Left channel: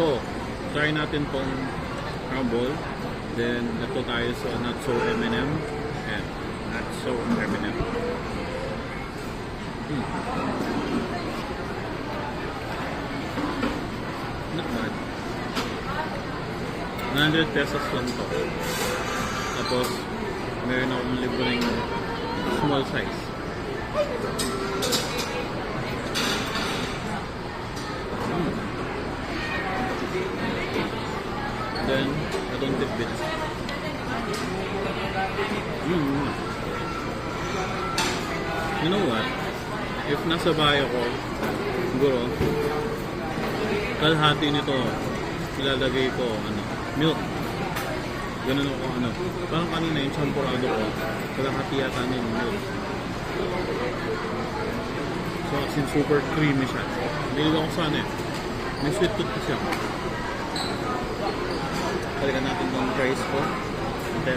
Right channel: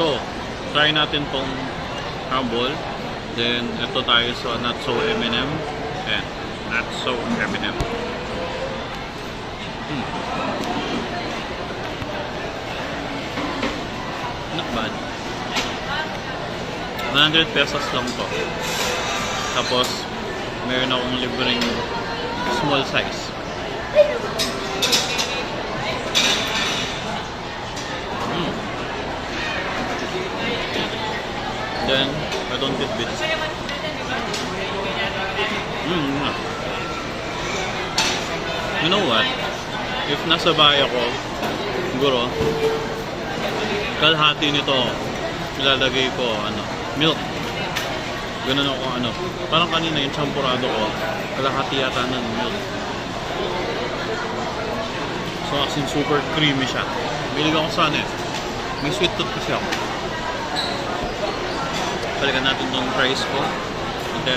So, try natin tong crumble. Then, ito tayo sa not so M&M. Ayan, not so M&M. Not bad. 100 pesos lang to. Tapos, meron akong libreng small size. Then, I don't get bits. You know what? If nasa bahay ako, siguro, kalahati nito, ilalagay ko, milk. Ganun ako, parang kanina yung champurado ko, kalahati yata ng milk. So, as in super creamy siya. Bilig ako sana eh. May sweet tooth kasi ako. Balikan natin tong fries ko. Ito